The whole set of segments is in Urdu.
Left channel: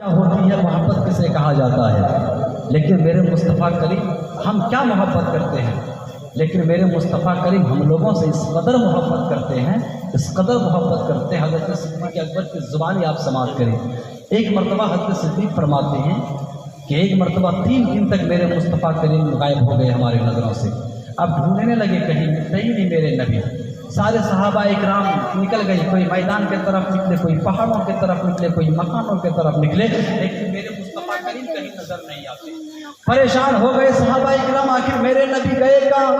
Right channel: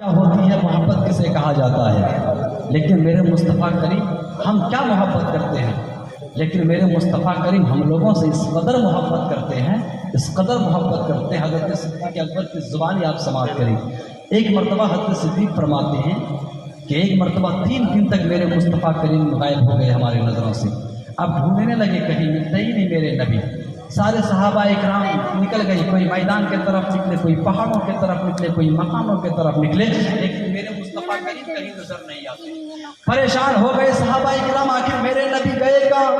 کیا ہوتی ہے محبت کسے کہا جاتا ہے، لیکن میرے مصطفیٰ کریم ہم کیا محبت کرتے ہیں، لیکن میرے مصطفیٰ کریم ہم لوگوں سے اس قدر محبت کرتے ہیں، اس قدر محبت کرتے ہیں۔ حضرت صدیق اکبر کی زبانی آپ سماعت کریں۔ ایک مرتبہ حضرت صدیق فرماتے ہیں کہ ایک مرتبہ 3 دن تک میرے مصطفیٰ کریم غائب ہو گئے ہماری نظروں سے۔ اب ڈھونڈنے لگے، کہیں ملتے ہی نہیں میرے نبی۔ سارے صحابہ اکرام نکل گئے، کوئی میدان کے طرف نکلے، کوئی پہاڑوں کے طرف نکلے، کوئی مکانوں کے طرف نکلے، لیکن میرے مصطفیٰ کریم کہیں نظر نہیں آتے۔ پریشان ہو گئے صحابہ اکرام، آخر میرے نبی گئے کہاں؟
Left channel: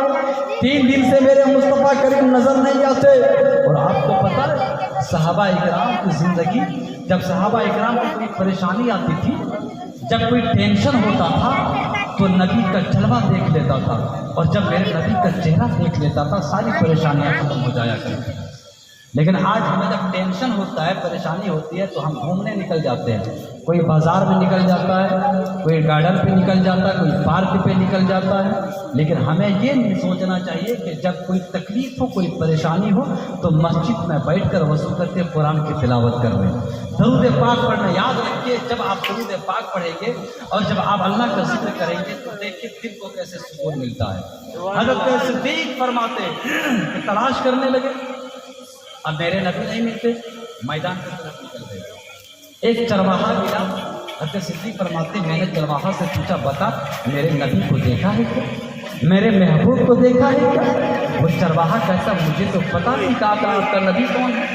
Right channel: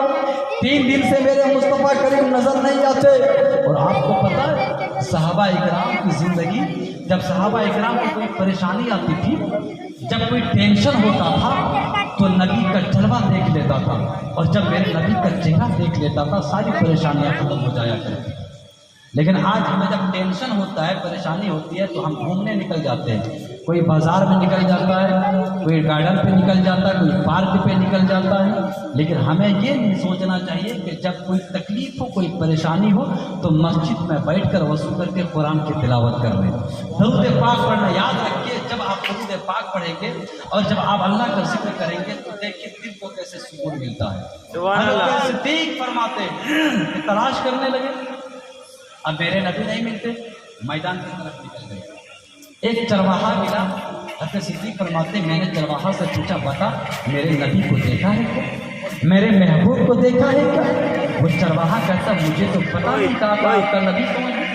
3 دن سے میرے مصطفیٰ کریم نظر نہیں آتے۔ اور آپ کو پتا ہے صحابہ اکرام کی زندگی، جب صحابہ اکرام کو کوئی پریشانی آتی تھی، جب کوئی ٹینشن ہوتا تھا تو نبی کا جلوہ دیکھ لیتا تھا، اور جب میرے نبی کا چہرہ دیکھ لیتا تھا ساری پریشانیاں ختم ہو جایا کرتی۔ لیکن آج ہمیں جب ٹینشن ہوتا ہے، پریشانی ہوتی ہے، تو ہم گھومنے نکل جاتے ہیں۔ کوئی بازار میں نکل جاتا ہے، کوئی گارڈن پہ نکل جاتا ہے، کوئی پارک پہ نکل جاتا ہے۔ لیکن ہمیں یہ نہیں سوچنا چاہیے کہ جب کوئی تکلیف ہو، کوئی پریشانی ہو، تو مسجد میں بیٹھ کر وضو کر کے قرآن کی تلاوت کر لیں، درود پاک پڑھنا یاد رکھیے۔ جب آپ درود پاک پڑھیں گے اور جب آپ اللہ کا ذکر کریں گے تو دیکھیے دل کو کیسے سکون ملتا ہے۔ حضرت صدیق فرماتے ہیں کہ تلاش کرنے لگے، اب میرے نبی نہیں ملتے، میدان کی طرف نکل گئے۔ ایک چرواہا ملا، حضرت صدیق فرماتے ہیں میں نے چرواہا سے پوچھا، بتا میرے نبی کو دیکھا ہے کیا، میرے محبوب کو دیکھا ہے کیا؟ وہ چرواہا کہتا مجھے تو پتا نہیں تھا کہ آپ کا نبی کون ہے،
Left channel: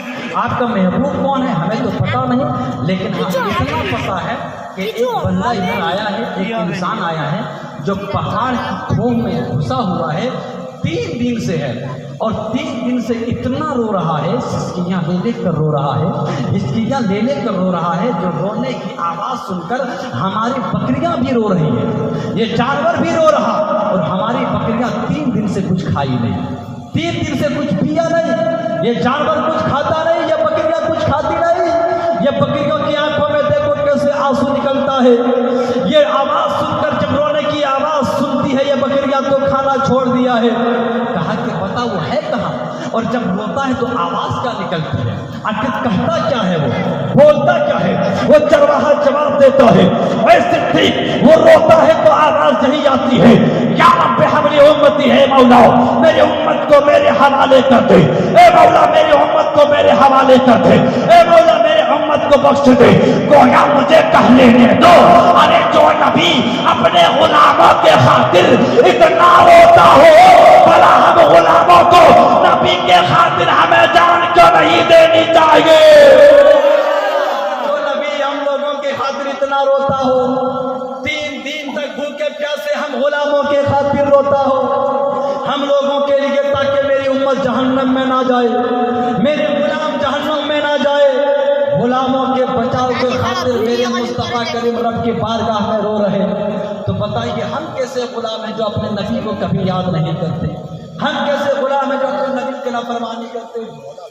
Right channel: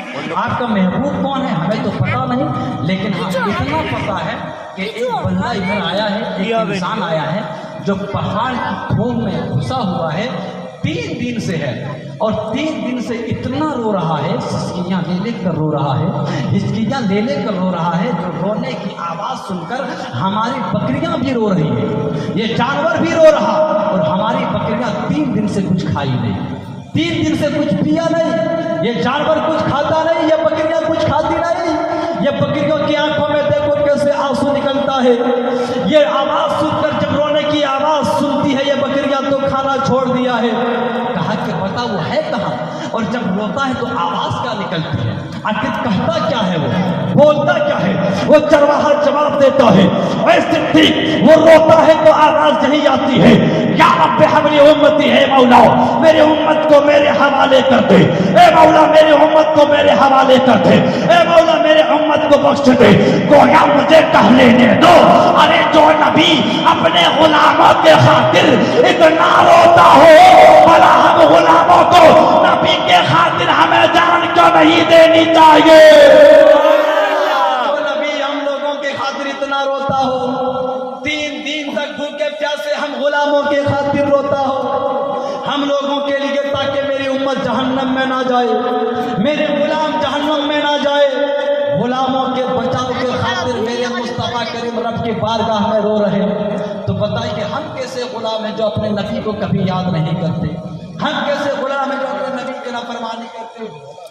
آپ کا محبوب کون ہے، ہمیں تو پتا نہیں، لیکن ہم اتنا پتا ہے کہ ایک بندہ ادھر آیا ہے، ایک انسان آیا ہے جو پہاڑ کی کھوہ میں گھسا ہوا ہے، 3 دن سے ہے، اور 3 دن سے اتنا رو رہا ہے، ہچکیاں لے لے کر رو رہا ہے، ہچکیاں لے لے کر رو رہا ہے، جو رونے کی آواز سن کر ہماری بکریاں بھی رو رہی ہیں، یہ جانور بھی رو رہا، اور ہماری بکریاں 3 دن سے کچھ کھائی نہیں، 3 دن سے کچھ پیا نہیں، یہ جانور کچھ کھاتا نہیں، یہ بکریاں کچھ کھاتی نہیں، یہ بکریوں کی آنکھوں میں دیکھو کیسے آنسو نکلتا ہے، یہ آواز سن کر جب رونے کی آواز سنتی ہے یہ بکریاں تو کھانا چھوڑ دیا ہے۔ کہا کہ بتا وہ ہے کہاں، اور جب روتا ہے تو آواز کیا نکلتی ہے، آخر کہتا کیا ہے، وہ بولتا کیا ہے؟ وہ چرواہا جواب دیتا ہے، اے صدیق وہ روتا ہے تو آواز نہیں آتی ہے، یا رب حمل امتی ہے مولا میرے امت کو میرے حوالے کر دے، اے مولا میرے امت کو میرے حوالے کر دے، اے مولا میرے امت کو بخش دے، گویا مجھے کہہ لینے دو، ارے جو نبی اپنے غلاموں کے خاطر اتنا روتا ہو، بھلا ہم غلاموں کو نبی کے خاطر ہمیں جان کیوں نہیں دینی چاہیے؟ جو نبی ہم لوگوں کے خاطر اتنا روتا ہو، 3 دن تک بھوکے پیاسے ہم غلاموں کے خاطر روتا ہو، ہم لوگوں کے لیے تاکہ میری امت جہنم میں نہ جائے، میرے غلام جہنم میں نہ جائے، غلاموں کے بچاؤ کے خاطر میرے مصطفیٰ کریم رب کی بارگاہ میں رو رہے، تو بتائیے ہم کیسے غلام ہیں جو اپنے نبی کو کبھی یاد نہیں کرتے، ہم کیسے غلام ہیں جو اپنے نبی کی نافرمانی کرتے،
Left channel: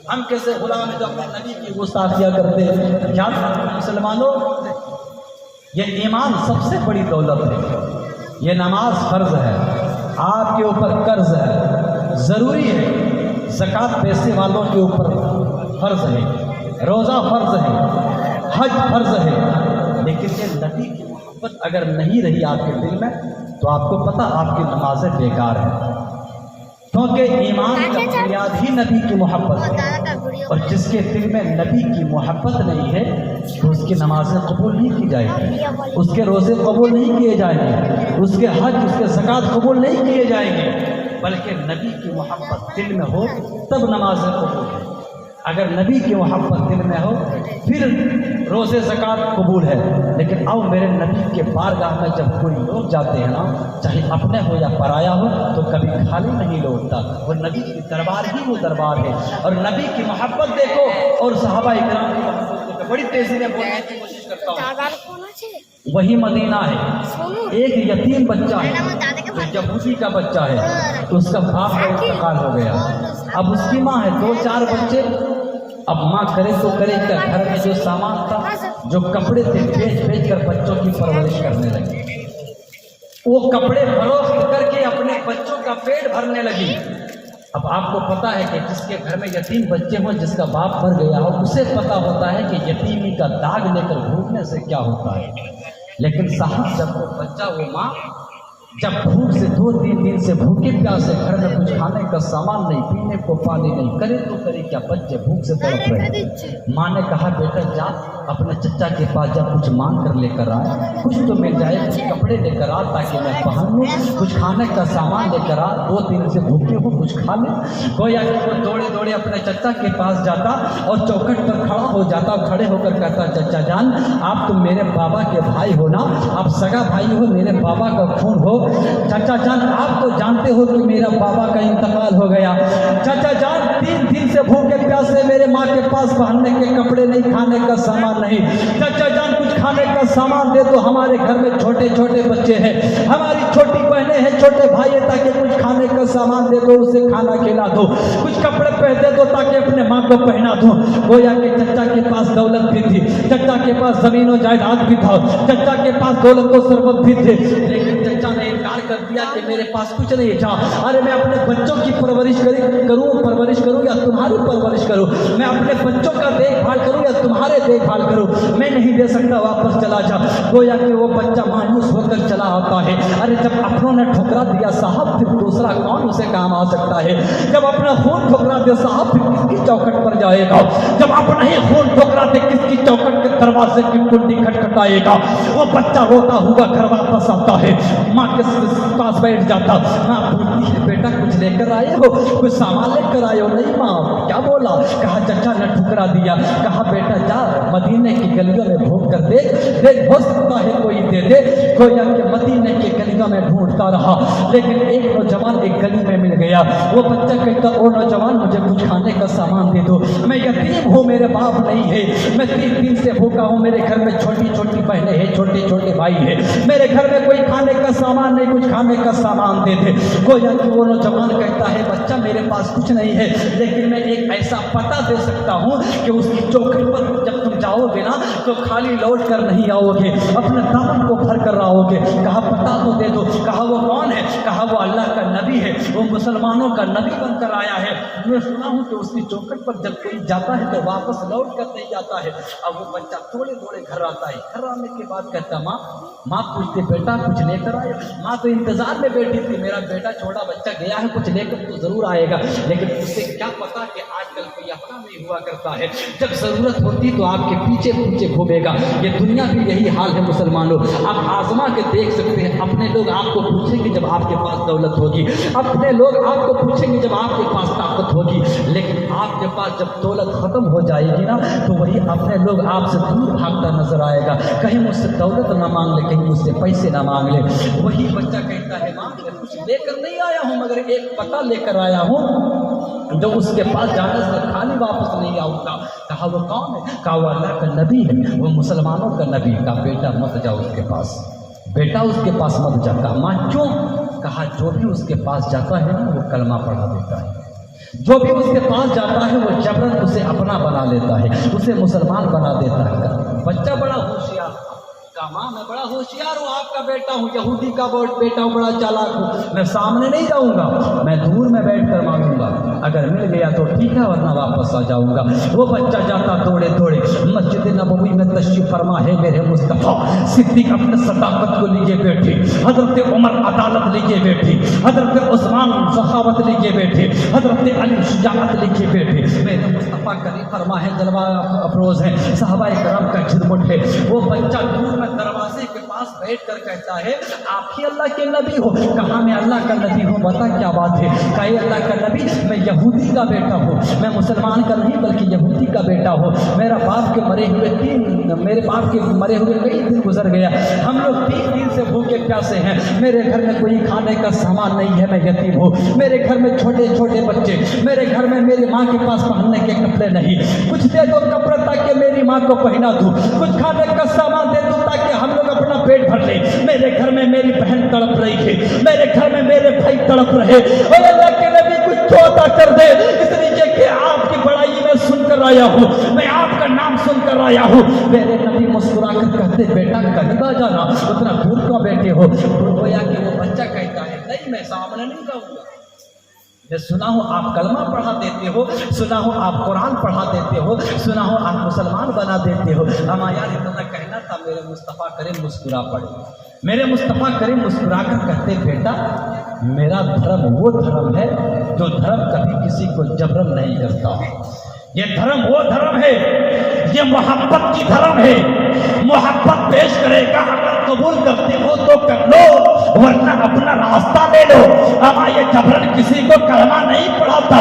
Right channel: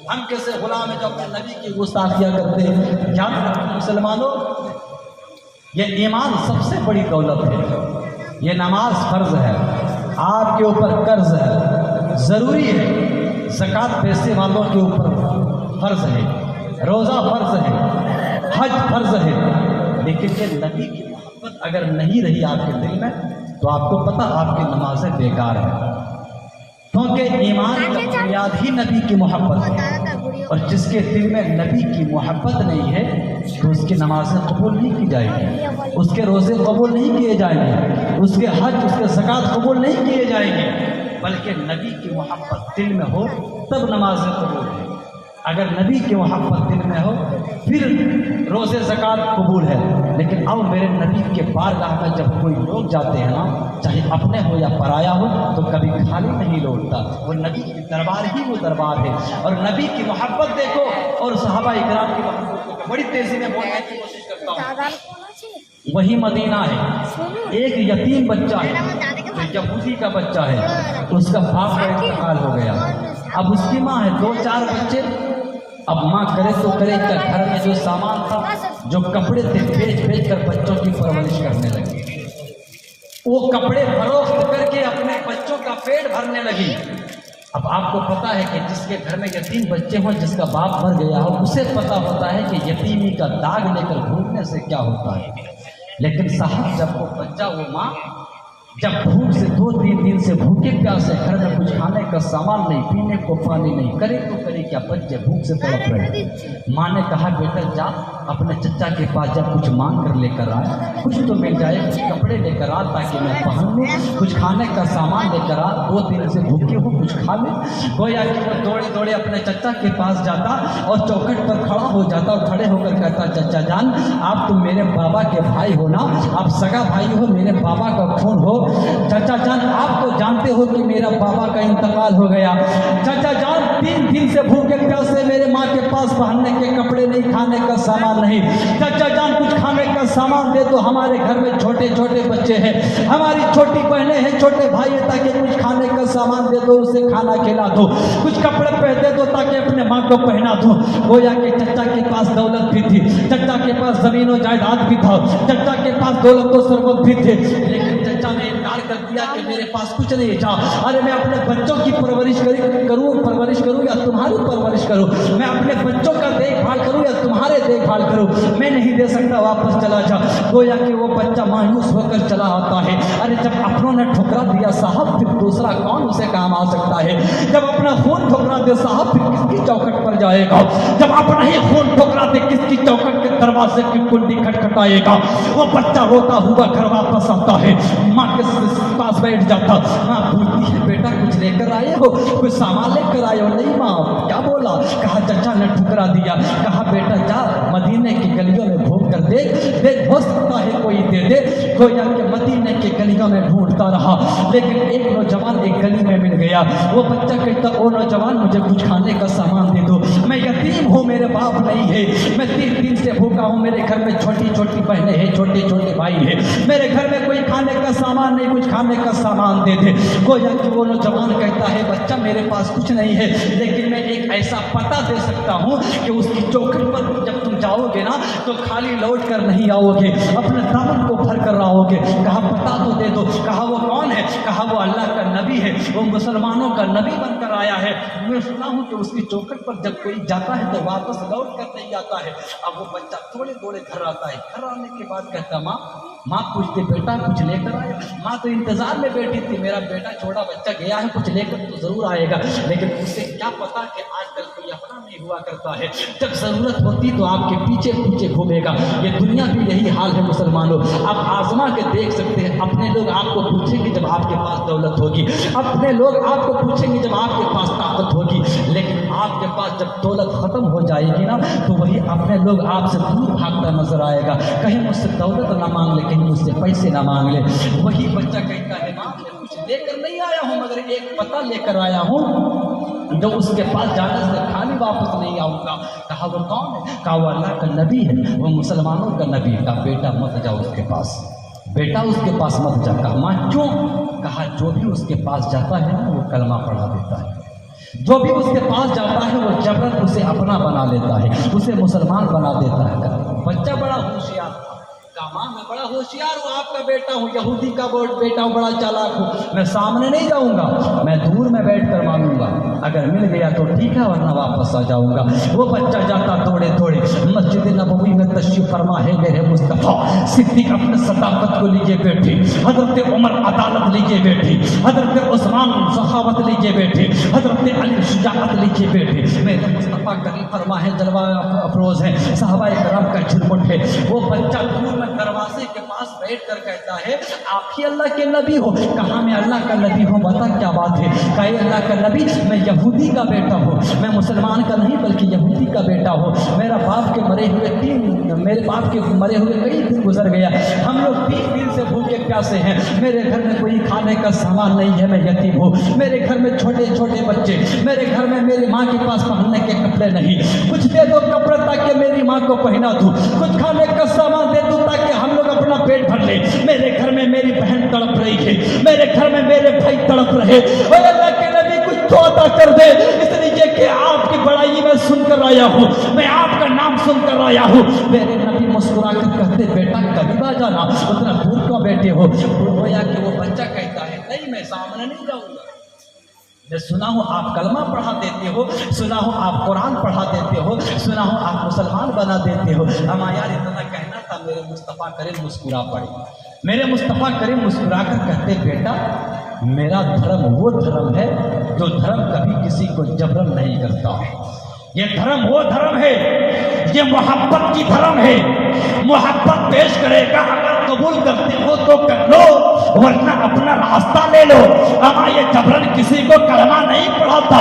ہم کیسے غلام ہیں جو اپنے نبی کی گستاخیاں کرتے۔ یاد رکھو مسلمانوں، یہ ایمان سب سے بڑی دولت ہے، یہ نماز فرض ہے، آپ کے اوپر قرض ہے، ضروری ہے، زکوٰۃ پیسے والوں کے اوپر فرض ہے، روزہ فرض ہے، حج فرض ہے، لیکن یہ نبی کی محبت اگر نہیں رہی آپ کے دل میں تو آپ کو پتہ آپ کی نمازیں بیکار ہیں، کیونکہ ایمان کا بنیاد ہی نبی کی محبت ہے، اور جس کے دل میں نبی کی محبت نہیں ہے تو اس کی نمازیں قبول نہیں کی جائیں گی، اس کے روزے قبول نہیں کیے جائیں گے، اس کے حج، اس کے زکوٰۃ قبول نہیں کیے جائیں گے، بلکہ نبی کی محبت دل میں ہو تب نمازیں قبول ہیں۔ اگر نبی کی محبت دل میں ہو پھر روزے زکوٰۃ قبول ہے۔ لیکن آؤ میرے نبی کے بارگاہ میں جب کوئی لوگ جاتے ہیں نا، چاہے اپنے ہو یا پرایا ہو، تو کبھی خالی نہیں لوٹتا، وہ نبی کی دربار ہی وہ دربار ہے، اور نبی کی محبت دیکھو، اور صحابہ اکرام کی محبت دیکھو۔ بڑی تیزی میں بولنے کی کوشش کرتا ہوں، وہی مدینہ ہے، ایک یتیم بچہ ہے جو یہودی کا بچہ ہے، اس کا باپ کا انتقال ہو گیا، اب اس کی ماں ہے، 2-4 بچے، اب ماں کرے تو کرے کیا، گھر میں جو سامان تھا، جو کپڑے تھے، بیچ کر بچوں کی پرورش کرنے لگی، وہ کپڑے فروخت کر کے اپنے بچوں کا پیٹ بھرنے لگی، اب آپ کو پتا ہے کہ جس کے گھر میں یتیم بچے ہوں، جس کا باپ مر گیا ہو، اسے پتا ہوتا ہے کہ یتیمی کا داغ لے کر گھومنے سے کیا ہوتا ہے۔ لیکن صاحب جب وہ بچہ، وہ ماں جب بھوک سے 2-3 دن سے بھوکے پیاسے، گھر میں کچھ کھانے کا سامان نہیں، پینے کو پانی نہیں، کرے تو کرے کیا، بچے بھوک سے تڑپ رہے۔ ماں نے کہا بیٹا جا اپنے چچا کے پاس جا، کچھ مانگ کر لے کر آ، کچھ تو مل جائے، کچھ کپڑے لے کر آ تاکہ میں پہن لوں، کچھ کھانے کا سامان لے کر آ، 2 دن سے بھوکے ہوں، کچھ کھا لے۔ گویا کہ وہ دوڑے دوڑے اپنے چچا کے پاس جاتا اور چوکھٹ پر کھڑا ہو جاتا اور کھڑے ہو کر کہتا چچا جان آپ تو میرے بابا کے بھائی ہو نا، آپ سگا بھائی ہو، میرے بابا کا خون ہو۔ چچا جان آپ تو جانتے ہو کہ میرا بابا کا انتقال ہو گیا۔ چچا جان 3 دن سے بھوکے پیاسے، میرے ماں کے پاس پہننے کے کپڑے نہیں، کھانے کا سامان نہیں۔ چچا جان کچھ کھانے کا سامان دے دو، ہمارے گھر میں چھوٹے چھوٹے بچے ہیں، ہماری چھوٹی بہنیں ہیں، چھوٹے بھائی ہیں، تاکہ کچھ کھانے کا سامان دے دو، اسے کھانا کھلا دو، کچھ کپڑے پہن دو تاکہ اپنے ماں کو پہنا دو۔ گویا کہ چچا کے پاس دولت بھی تھی، چچا کے پاس زمین و جائیداد بھی تھا، چچا کے پاس دولت و ثروت بھی تھے، لیکن چچا نے انکار کر دیا کہ میرے پاس کچھ نہیں تھا۔ ارے میں اپنے بچوں کی پرورش کروں یا تمہاری پرورش کروں، میں اپنے بچوں کا دیکھ بھال کروں یا تمہارے دیکھ بھال کروں، میں نہیں دے سکتا، واپس چلا جا۔ گویا کہ وہ بچہ مایوس ہو کر چلا ہوتا ہے۔ ارے جب اپنوں نے ٹھکرا دیا صاحب، پھر دوسرا کون اسے کام آ سکتا ہے؟ جب اپنا خون ٹھکرا دے صاحب، پھر کس کی چوکھٹ پر جائے گا؟ جب اپنا ہی خون ٹھکرا دے، کس کی چوکھٹ کے دروازے کی کنڈی کھٹکھٹائے گا؟ وہ بچہ روتا ہوا گھر واپس آتا ہے، ماں کے پاس بیٹھ جاتا، ماں پوچھتی ہے بیٹا کچھ لے کر آئے ہو، کچھ سامان لے کر آئے ہو؟ نہیں ماں، کیا بولا؟ کہا چچا نے ٹھکرا دیا۔ کہا بیٹا جا مدینے کی گلیوں میں ڈھونڈ کر دیکھ ہو سکتا ہے کوئی دے دے۔ گویا کہ مدینے کی گلیوں میں ڈھونڈتا رہا، لیکن ایک نوجوان ایک گلی میں مل گیا۔ وہ بچہ کہتا او نوجوان مجھے کچھ کھانے کا سامان دے دو، میں یتیم ہوں، میرے باپ نہیں ہے، میں 3 دن سے بھوکا ہوں، میرے گھر میں چھوٹی چھوٹی بہنیں ہیں، چھوٹے چھوٹے بھائی ہیں، میرے گھر میں کوئی کھانے کا سامان نہیں، کچھ کھانے کا سامان دے دے۔ گویا کہ وہ نوجوان کہتا ہے بچہ میرے پاس کچھ نہیں ہے، لیکن میں ایک ایسا پتہ دے سکتا ہوں کہ اس کی چوکھٹ پر جب تم جاؤ گے نا تو خالی لوٹ کر نہیں آؤ گے، اپنے دامن کو بھر کر آؤ گے۔ کہا پتہ تو دے دو۔ کہا وہ کون ہے؟ کہا وہ اللہ کا نبی ہے، وہ مسلمانوں کا نبی بن کر آیا ہے، میں سنا ہوں کہ اس کی چوکھٹ پر جب کوئی جاتا ہے تو واپس لوٹ کر نہیں آتا ہے۔ اب وہ بچہ تھوڑے تھوڑے گھر آتا ہے، گھر آنے کے بعد کہتا ماں پوچھتے بیٹا کچھ لے کر آئے؟ ماں تو انتظار میں بیٹھی تھی، میرا بیٹا چھوٹا بچہ گیا ہے، کچھ لے کر تو ضرور آئے گا، لیکن اسے کیا پتا کہ آج کل کوئی اپنا نہیں ہوا کرتا ہے، جب ضرورت ہوتی تو آپ کے پیچھے پیچھے گھومے گا۔ یہ دنیا بھی یہی حال ہے مسلمانوں، آپ آزما کے دیکھ سکتے ہیں، اپنے لوگ آپ کو پوچھیں گے جب آپ کے پاس دولت ہوگی، اپنے لوگ آپ کو پوچھیں گے جب آپ کے پاس طاقت ہوگی، لیکن آپ کے پاس جب دولت ختم ہو جائے گی نا تو وہی اپنے لوگ آپ سے دور بھاگتا نظر آئے گا، کہیں مجھ سے دولت نہ مانگ لے، کہیں مجھ سے پیسے نہ مانگ لے۔ وہی بچہ کہتا ہے ماں میں کچھ لے کر نہیں آیا ہوں، مگر ایک پتہ لے کر آیا ہوں جو اس کے پاس جانے سے خالی واپس نہیں آؤں گا۔ کہا وہ کون ہے؟ کہا وہ اللہ کا نبی ہے، وہ مسلمانوں کا نبی۔ کہا بیٹا مت جاؤ اس کے پاس، بیٹا اس کے پاس مت جا۔ کہا ماں کیوں؟ کہا جو بھی اس کے پاس جاتا ہے نا وہ کلمہ پڑھا دیتا ہے، جو بھی اس کے پاس جاتا ہے وہ جبرن اسے اپنا بنا لیتا ہے، اسے مسلمان بنا دیتا ہے۔ بچہ بڑا ہوشیار تھا، کہا ماں میں بڑا ہوشیار ہوں، آپ کا بیٹا ہوں، یہودی کا بیٹا ہوں، بڑا چالاک ہوں، میں سامنے نہیں جاؤں گا، میں دور میں بیٹھ کر مانگوں گا، اگر مل گیا تو ٹھیک ہے ورنہ واپس آ جاؤں گا۔ وہ بچہ جاتا دوڑے دوڑے، مسجد نبوی میں تشریف فرما ہے میرے مصطفیٰ، صدیق اپنے صداقت کو لیجے بیٹھے، حضرت عمر عدالت لیجے بیٹھے، حضرت عثمان سخاوت لیجے بیٹھے، حضرت علی شجاعت لیجے بیٹھے، میرے مصطفیٰ کریم فرما ہے جلوہ افروز ہے، صحابہ کرام کا جھرمٹ ہے۔ وہ بچہ دور میں دروازے کے پاس بیٹھ کر کہتا ہے آپ ہی اللہ کے نبی ہو؟ کہا میں اللہ کا نبی ہوں، بتا کیا بات ہے؟ کہا اللہ کا نبی میں یہودی کا بیٹا ہوں، میں مسلمان کا نہیں بلکہ یہودی کا بیٹا ہوں، میرے باپ کے مرے ہوئے کئی دن گزر گیا، ہم لوگ 3 دن سے بھوکے پیاسے ہیں، میرے گھر میں کوئی کھانے کا سامان نہیں ہے، میں یتیم ہوں، میرے گھر میں چھوٹے چھوٹے بچے، میرے گھر میں میری ماں کے پاس پہننے کے کپڑے نہیں، کچھ دے دو کپڑے تاکہ میری ماں کو پہنا دوں، کچھ کھانے کا سامان دے دو تاکہ ہم لوگ اپنا پیٹ بھر لیں، میرے گھر میں میری بہن تڑپ رہی ہے، میرے گھر میں میرے بھائی تڑپ رہے، اور اللہ کے نبی کچھ تو عطا کر دے، اس لیے کہ آپ کی بڑائی میں سن کر آیا ہوں، میں آپ کا نام سن کر آیا ہوں۔ میرے نبی مسکرا کر کہتے بیٹا کبھی نہ جانا، اتنا دور کیوں بیٹھے ہو؟ گویا کہ وہ بچہ کہتا ہے نہیں میں سامنے نہیں جاؤں گا، میں سنا ہوں آپ کلمہ پڑھا دیتے ہو، سنا ہوں آپ قرآن پڑھا دیتے ہو، سنا ہوں آپ مسلمان بنا دیتے ہو۔ اما یار اتنا کہنا تھا، میرے مصطفیٰ کریم مسکرا پڑے۔ میرے مصطفیٰ کریم مسکرا کر کہتے بیٹا میرا دھرم وہ دھرم ہے جو دھرم کبھی کسی کو جبرن نہیں کرتا۔ یہ دھرم وہ دھرم ہے، یہ محبت کی دھرم ہے۔ محبت پیش کرے گا، اگر قبول کرتے ہو تو کر لو ورنہ اپنا راستہ لے لو۔ اما یہ جبرن کسی کو کلمہ نہیں پڑھاتا۔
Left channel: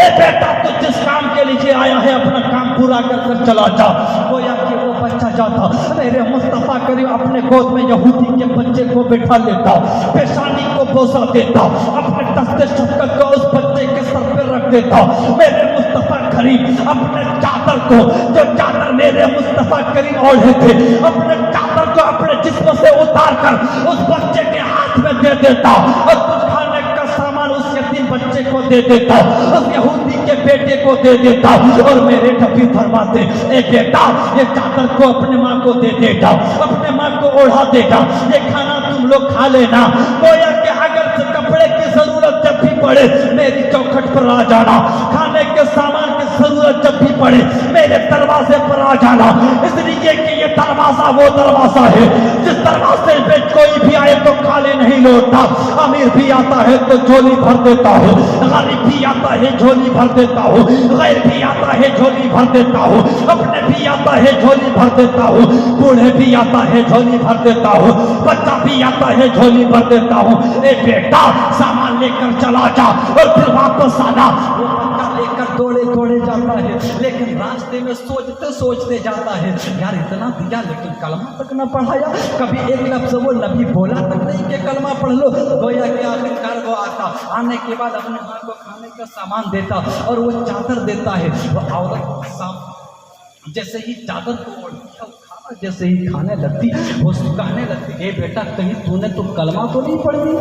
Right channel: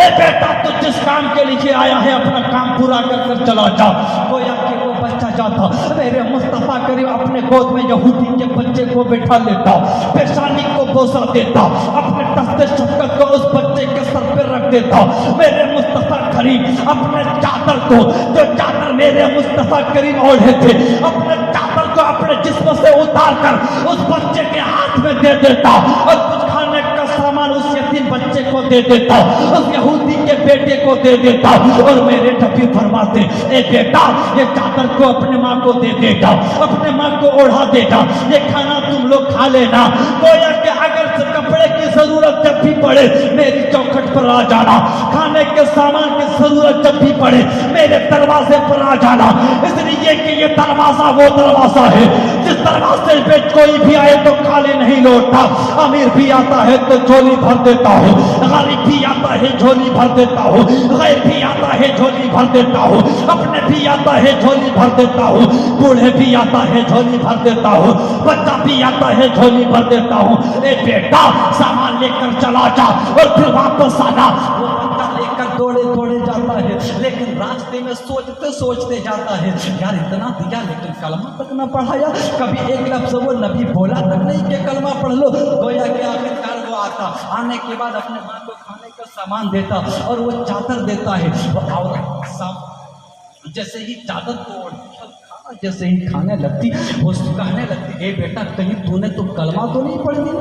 اے بیٹا تو جس کام کے لیے آیا ہے اپنا کام پورا کر کر چلا جا۔ گویا کہ وہ بچہ جاتا، میرے مصطفیٰ کریم اپنے گود میں یہودی کے بچے کو بٹھا لیتا، پیشانی کو بوسہ دیتا، اپنے دست شفقت کو اس بچے کے سر پر رکھ دیتا۔ میرے مصطفیٰ کریم اپنے چادر کو، جو چادر میرے مصطفیٰ کریم اوڑھے تھے، اپنے چادر کو اپنے جسم سے اتار کر اس بچے کے ہاتھ میں دے دیتا اور کچھ کھانے کا سامان اس یتیم بچے کو دے دیتا، اس یہودی کے بیٹے کو دے دیتا اور میرے نبی فرماتے اے بیٹا یہ چادر کو اپنے ماں کو دے دے گا، اپنے ماں کو اوڑھا دے گا، یہ کھانا تم لوگ کھا لینا۔ گویا کہ اگر سے کپڑے کی ضرورت جب بھی پڑے میری چوکھٹ پر آ جانا، کھانے کے سامان کی ضرورت جب بھی پڑے میرے دروازے پر آ جانا، اس لیے کہ یہ دروازہ وہ دروازہ ہے جس دروازے پہ کوئی بھی آئے تو خالی نہیں لوٹتا۔ امیر بھی آتا ہے تو جھولی بھر دیتا ہوں، غریب بھی آتا ہے جھولی بھر دیتا ہوں، غیر بھی آتا ہے جھولی بھر دیتا ہوں، اپنے بھی آتا ہے جھولی بھر دیتا ہوں، بوڑھے بھی آتا ہے جھولی بھر دیتا ہوں، بچہ بھی آتا ہے جھولی بھر دیتا ہوں۔ اے بیٹا سامان لے کر چلا جا اور پھر واپس آنا۔ وہ بچہ لے کر دوڑے دوڑے جاتا ہے، لیکن راستے میں سوچتے سوچتے جاتا ہے یار اتنا دیا لیکن کلمہ تک نہ پڑھایا، کبھی ایک لفظ وہ نبی بولا تک نہیں کہ کلمہ پڑھ لو۔ گویا کہ آخرکار وہ آتا، آنے کے بعد اپنے ماں کو کھانے کا سامان دیتا اور وہ چادر دیتا ہے۔ وہ عورت جیسے ہی چادر کو اوڑھتی ہے، کھانا جیسے ہی کھانے لگتی وہ کہنے لگتی اے بیٹا کہیں تو نے تو کلمہ تو نہیں پڑھ دی،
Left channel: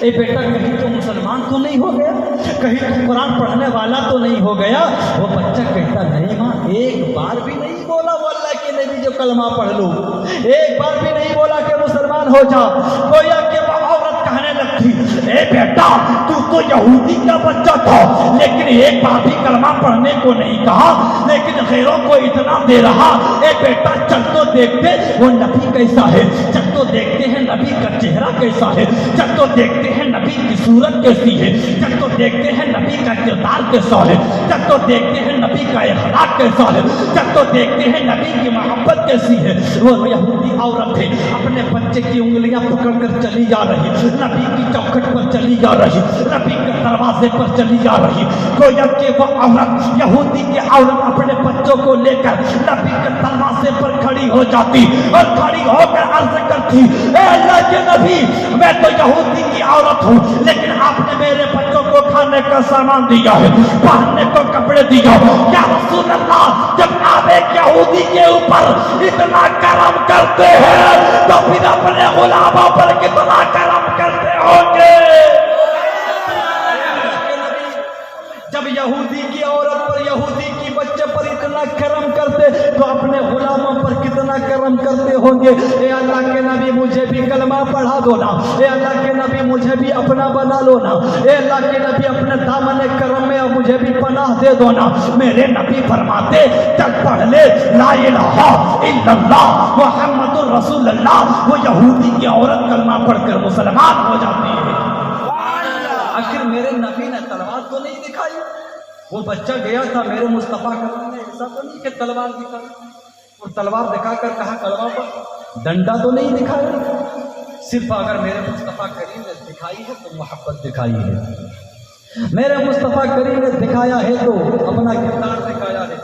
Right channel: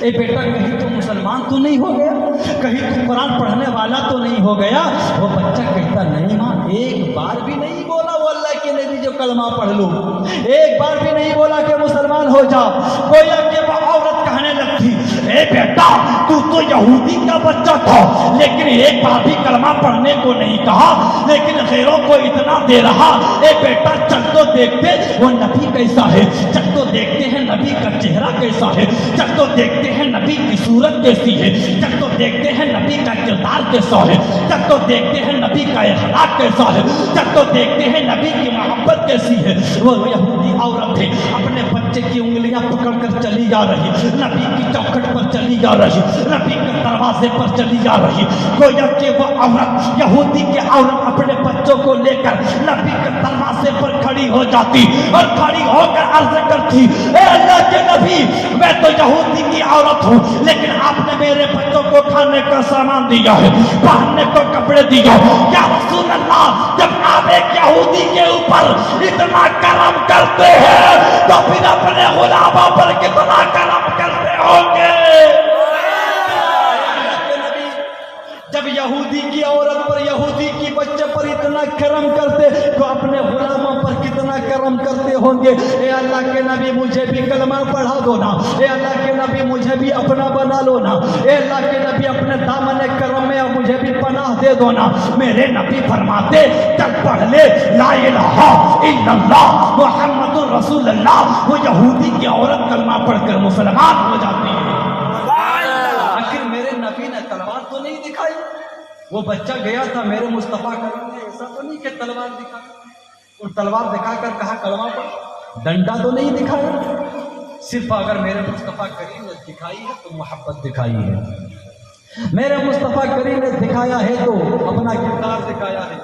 اے بیٹا کہیں تو مسلمان تو نہیں ہو گیا، کہیں تو قرآن پڑھنے والا تو نہیں ہو گیا۔ وہ بچہ کہتا نہیں ماں ایک بار بھی نہیں بولا وہ اللہ کے نبی جو کلمہ پڑھ لو، ایک بار بھی نہیں بولا کہ مسلمان ہو جا۔ گویا کہ وہ عورت کہنے لگتی اے بیٹا تو یہودی کا بچہ تھا لیکن ایک بار بھی کلمہ پڑھنے کو نہیں کہا، لیکن غیروں کو اتنا دے رہا۔ اے بیٹا چل تو دیکھتے وہ نبی کیسا ہے، چل تو دیکھتے ہیں نبی کا چہرہ کیسا ہے، چل تو دیکھتے ہیں نبی کی صورت کیسی ہے، چل تو دیکھتے ہیں نبی کا کردار کیسا ہے، چل تو دیکھتے ہیں نبی کا اخلاق کیسا ہے، چل تو دیکھتے ہیں نبی کی محبت کیسی ہے۔ وہ یہودی عورت ہے، اپنے بچے کی انگلیاں پکڑ کر چلی جا رہی، نبی کی چوکھٹ پر چلی جا رہی، نبی کے دروازے پر چلی جا رہی۔ گویا کہ وہ عورت یہودی کی عورت اپنے بچوں کو لے کر نبی کے دروازے پر کھڑی ہو جاتی اور کھڑی ہو کر عرض کرتی اے اللہ کے نبی میں تو یہودی کی عورت ہوں لیکن آپ نے میرے بچوں کو کھانے کا سامان دیا ہے، پہننے کو کپڑے دیا ہے، یا رسول اللہ جب آپ ایک یہودی کے اوپر اتنا کرم کرتے ہیں تو پھر اپنے غلاموں پر کتنا کرم کرتے ہوں گے۔ جب یہودی کی عورت پر یہودی کی بچے پر اتنا کرم کرتے تو اپنے غلاموں پر کتنا کرم کرتے ہوں گے۔ اے اللہ کے نبی مجھے بھی کلمہ پڑھا دو نا، اے اللہ کے نبی مجھے بھی اپنا بنا لو نا، اے اللہ کے نبی اپنے دامن کرم میں مجھے بھی پناہ دے دو نا۔ میرے نبی فرماتے چل پڑھ لے لا الہ الا اللہ محمد رسول اللہ۔ وہ یہودی کی عورت کلمہ پڑھ کر مسلمان ہو جاتی ہے۔ آخر میرے نبی نے تلوار تو نہیں دکھائی، وہ بچہ گیا تھا میرے مصطفیٰ کریم نے ایسا تو نہیں کہ تلوار دکھائی اور تلوار دکھا کر کہا کلمہ پڑھ، ڈنڈا تو نہیں دکھایا، صرف اگر میرے مصطفیٰ کریم نے دکھائی ہے تو محبت دکھائی ہے، میرے مصطفیٰ کریم نے دکھایا ہے تو اپنا کردار دکھایا ہے،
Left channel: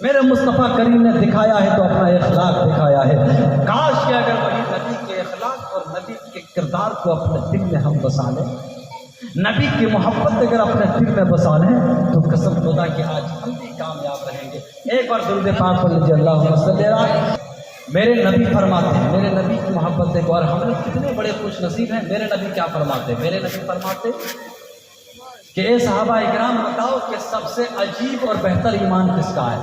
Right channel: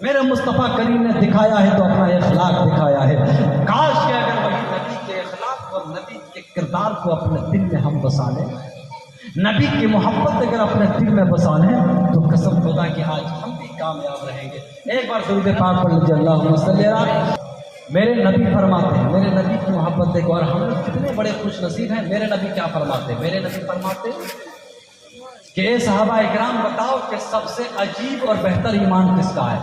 میرے مصطفیٰ کریم نے دکھایا ہے تو اپنا اخلاق دکھایا ہے۔ کاش کہ اگر وہی نبی کے اخلاق اور نبی کے کردار کو اپنے دل میں ہم بسا لیں، نبی کی محبت اگر اپنے دل میں بسا لیں تو قسم خدا کہ آج ہم بھی کامیاب رہیں گے۔ ایک بار درود پاک پڑھ لیجیے اللہم صلی علی۔ میرے نبی فرماتے ہیں، میرے نبی کی محبت دیکھو اور ہم لوگ کتنے بڑے خوش نصیب ہیں۔ میرے نبی کیا فرماتے ہیں؟ میرے نبی فرماتے کہ اے صحابہ اکرام بتاؤ کہ سب سے عجیب اور بہتر ایمان کس کا ہے؟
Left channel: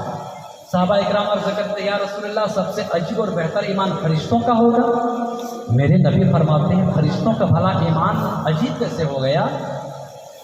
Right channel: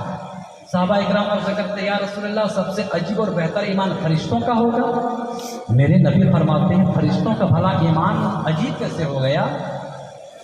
صحابہ اکرام عرض کرتے ہیں یا رسول اللہ سب سے عجیب اور بہتر ایمان فرشتوں کا ہوگا۔ میرے نبی فرماتے ہیں فرشتوں کا بھلا ایمان عجیب کیسے ہو گیا؟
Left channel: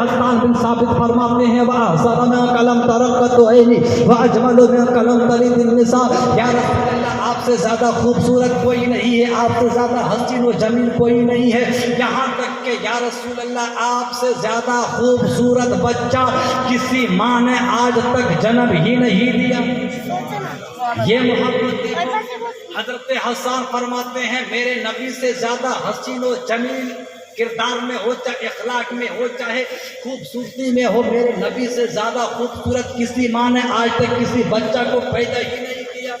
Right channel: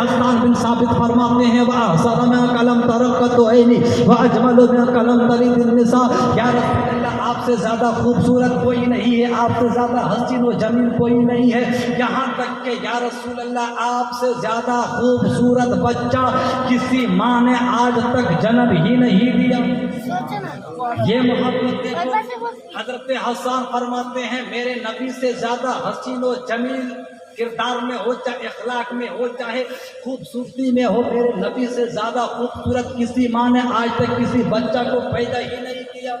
حسان بن ثابت فرماتے ہیں وَأَحْسَنَ مِنْ قَلَمْ تَرَقَّتُ عَيْنِي وَأَجْمَلُ مِنْ قَلَمْ تَلِدِ النِّسَاء، یا رسول اللہ آپ سے زیادہ خوبصورت کوئی نہیں ہے، آپ سے زیادہ حسین و جمیل کوئی نہیں ہے، یہاں تک کہ یا رسول اللہ آپ سے زیادہ خوبصورت بچہ کسی ماں نے آج تک جنم ہی نہیں دیا۔ یہ محبت دیکھو، حضرت حسان فرماتے ہیں میرے نبی سے زیادہ حسین و جمیل کردار میں ہو، چاہے اخلاق میں ہو، چاہے خوبصورتی میں ہو، میرے نبی سے زیادہ خوبصورت کسی ماں نے آج تک کسی بچہ کو پیدا ہی نہیں کیا۔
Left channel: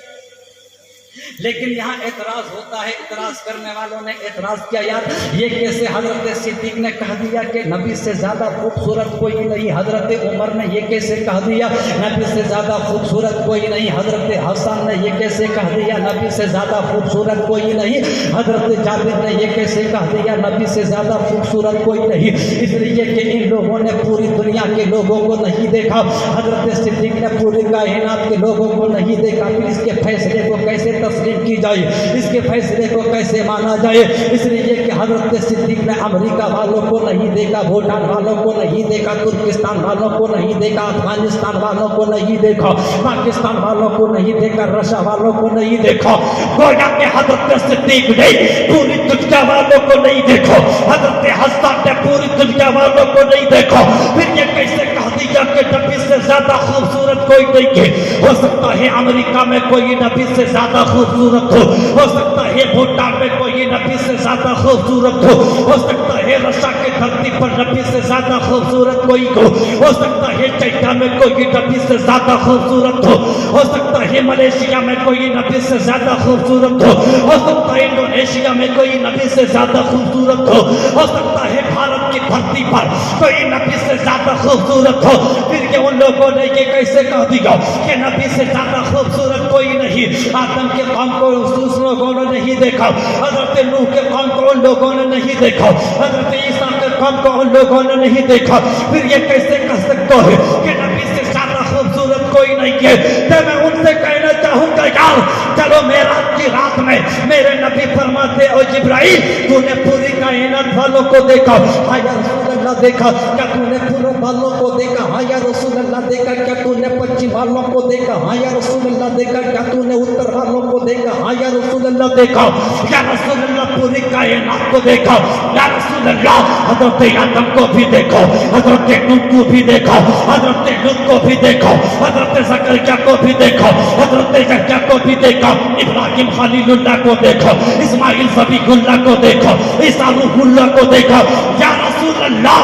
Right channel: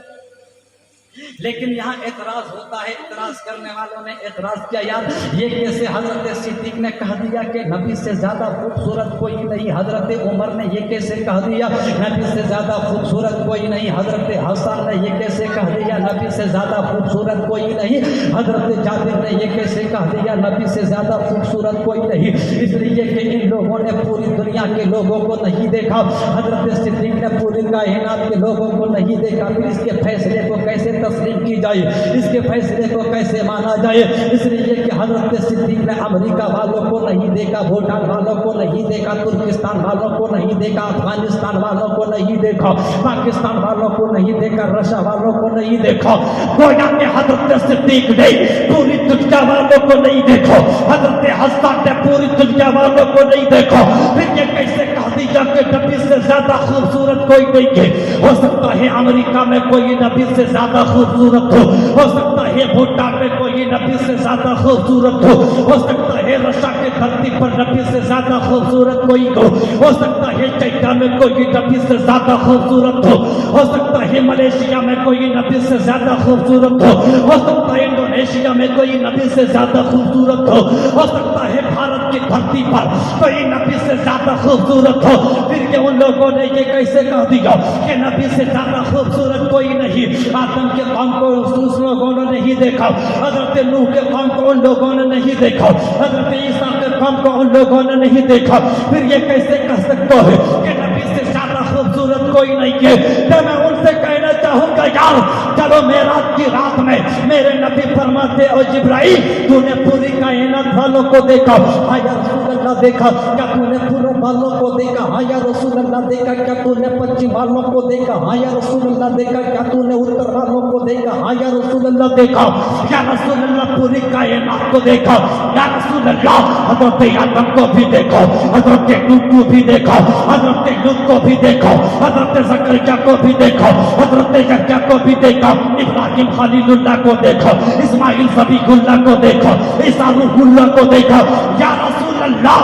لیکن یہاں اعتراض ہوتا ہے، اعتراض کرنے والوں نے اعتراض کیا یار یہ کیسے حضرت صدیق نے کہہ دیا کہ نبی سے زیادہ خوبصورت کوئی نہیں، حضرت عمر نے یہ کیسے کہہ دیا نبی سے زیادہ خوبصورت کوئی نہیں، حضرت حسن نے یہ کیسے کہہ دیا نبی سے زیادہ خوبصورت کوئی نہیں، حضرت جابر نے یہ کیسے کہہ دیا نبی سے زیادہ خوبصورت کوئی نہیں؟ اس لیے کہ ان لوگوں نے پوری دنیا کے لوگوں کو نہیں دیکھا، حضرت صدیق نے پوری کائنات کے لوگوں کو نہیں دیکھا، پھر اس کے فیصلے کو کیسے تسلیم کی جائے، اس کے فیصلے کو کیسے مانا جائے؟ اس لیے کہ حضرت صدیق نے امریکہ والوں کو نہیں دیکھا، بھوٹان والوں کو نہیں دیکھا، ترکستان والوں کو نہیں دیکھا، افغانستان والوں کو نہیں دیکھا، پاکستان والوں کو نہیں دیکھا، رشیا والوں کو نہیں دیکھا، گویا کہ حضرت صدیق نے پوری دنیا والوں کو نہیں دیکھا، حضرت حسن نے پوری دنیا والوں کو نہیں دیکھا، پھر یہ کیسے کہہ دیا کہ نبی سے زیادہ خوبصورت کوئی نہیں ہے؟ ہو سکتا ہے امریکہ میں کوئی نبی سے زیادہ خوبصورت ہو سکتا ہے بھوٹان میں کوئی نبی سے زیادہ خوبصورت ہو سکتا ہے رشیا کے دھرتی پر نبی سے زیادہ خوبصورت کوئی ہو سکتا ہے چائنا میں کوئی نبی سے زیادہ خوبصورت ہو سکتا ہے ملیشیا میں کوئی نبی سے زیادہ خوبصورت ہو سکتا ہے انڈونیشیا میں کوئی نبی سے زیادہ خوبصورت ہو سکتا ہے بھارت کی دھرتی پر کوئی نبی سے زیادہ خوبصورت ہو، پھر کہ ان لوگوں نے یہ کیسے کہہ دیا کہ نبی سے زیادہ خوبصورت کوئی نہیں؟ آدم کے قوم کو اس لوگوں نے نہیں دیکھا، حضرت نوح کے قوم کو ان لوگوں نے نہیں دیکھا، حضرت عیسیٰ کے قوم کو ان لوگوں نے نہیں دیکھا، پھر یہ کیسے کہہ سکتا ہے کہ نبی سے زیادہ خوبصورت کوئی نہیں ہے؟ تو میں ان سے کہنا چاہوں گا یار چلو معراج کی رات میں میرے نبی فرماتے او جبرائیل تو نے پوری کائنات والوں کو دیکھا، ہاں یا رسول اللہ دیکھا، کیا تو نے پورے والوں کو دیکھا؟ ہاں یا رسول اللہ دیکھا، کیا تو نے پچھم والوں کو دیکھا؟ ہاں یا رسول اللہ دیکھا، کیا تو نے اتر والوں کو دیکھا؟ ہاں یا رسول اللہ دیکھا، یا رسول اللہ پوری کائنات کو دیکھا، یا رسول اللہ حضرت آدم کو بھی دیکھا، حضرت نوح کو بھی دیکھا، حضرت لوط کو بھی دیکھا، حضرت زکریا کو بھی دیکھا، حضرت یحییٰ کو بھی دیکھا، ابراہیم خلیل اللہ کو دیکھا، اسماعیل صبیح اللہ کو دیکھا، عیسیٰ روح اللہ کو دیکھا، یا رسول اللہ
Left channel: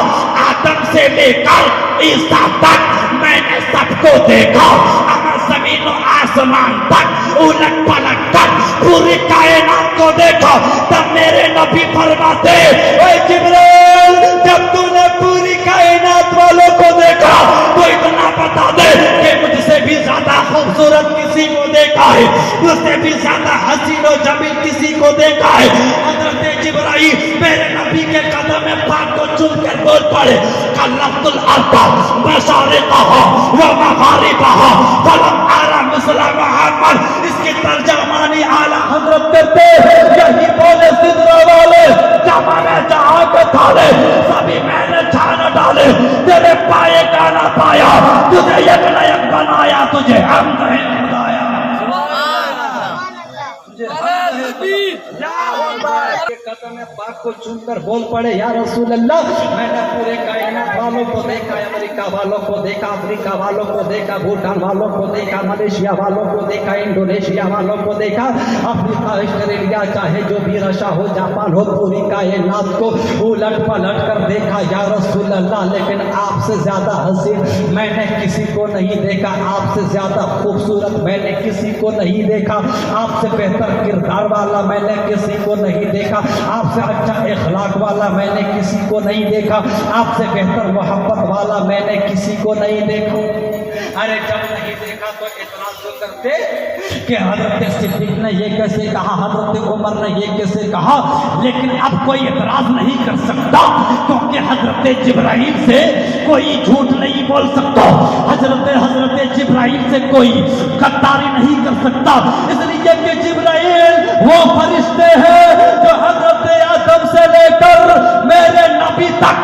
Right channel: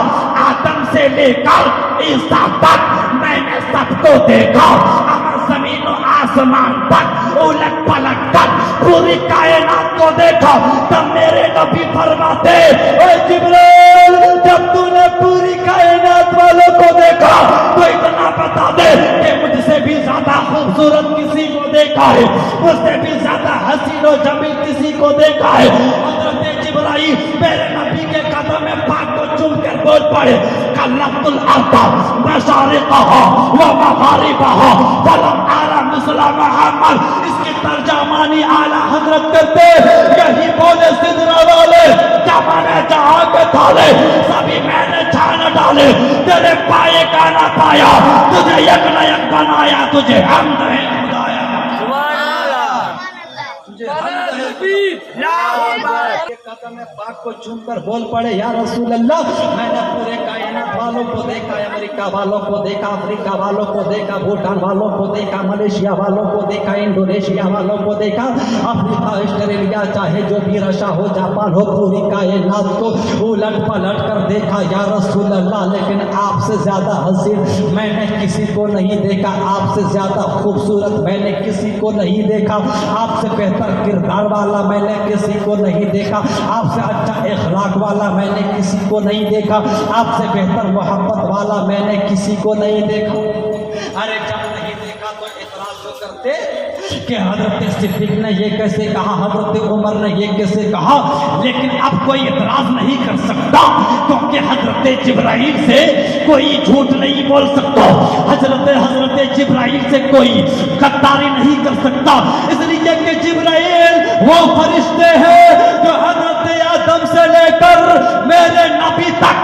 آدم سے لے کر عیسیٰ تک میں نے سب کو دیکھا، زمین و آسمان تک الٹ پلٹ کر پوری کائنات کو دیکھا، تب میرے نبی فرماتے اے جبرائیل جب تو نے پوری کائنات والوں کو دیکھا تو اتنا بتا دے کہ مجھ سے بھی زیادہ خوبصورت کسی کو دیکھا ہے، مجھ سے بھی زیادہ حسین و جمیل کسی کو دیکھا ہے؟ حضرت جبرائیل میرے نبی کے قدم میں پاک کو چوم کر بول پڑے کلمت الارض مشارقہا و مغاربہا فلم آرا مثل محمد، اس کی ترجمانی اعلیٰ حضرت کرتے یہی بولے سدرہ والے جب میں نے جہاں کے تھالے سبھی میں نے چھان ڈالے، تیرے پائے کا نہ پایا، تجھے یک نہ یک بنایا، تجھے حمد ہے خدایا، تجھے حمد ہے کے قدم پاک کو چوم کر بول پڑے یا رسول اللہ میں نے پورے کائنات والوں کو دیکھا، امریکہ والوں کو دیکھا، افریقہ والوں کو دیکھا، بھوٹان والوں کو دیکھا، ملیشیا والوں کو دیکھا، انڈونیشیا والوں کو دیکھا، افریقہ آسٹریلیا چاہے جو بھی رشیا ہو جاپان ہو، پوری کائنات کو الٹ پلٹ کر دیکھا یا رسول اللہ، لیکن آپ سے زیادہ حسین میں نے کسی کو نہیں دیکھا، آپ سے زیادہ خوبصورت میں نے کسی کو نہیں دیکھا، آپ سے بہتر کردار والا میں نے کسی کو نہیں دیکھا، آپ سے اچھا اخلاق والا میں نے کسی کو نہیں دیکھا، آپ سے بہتر محبت والا میں نے کسی کو نہیں دیکھا۔ ارے جب نہیں دیکھا تو اعتراض تو کرتے کہ حضرت صدیق نے یہ کیسے کہا، حضرت عمر نے یہ کیسے کہا، لیکن اب کوئی اعتراض نہیں کر سکتا کیونکہ حضرت جبرائیل سے کوئی جھوٹ نہیں بول سکتا، حضرت جبرائیل سے کوئی غداری نہیں کر سکتا، اس لیے کہ جبرائیل وہ فرشتے ہیں جو حضرت آدم سے لے کر میرے نبی تک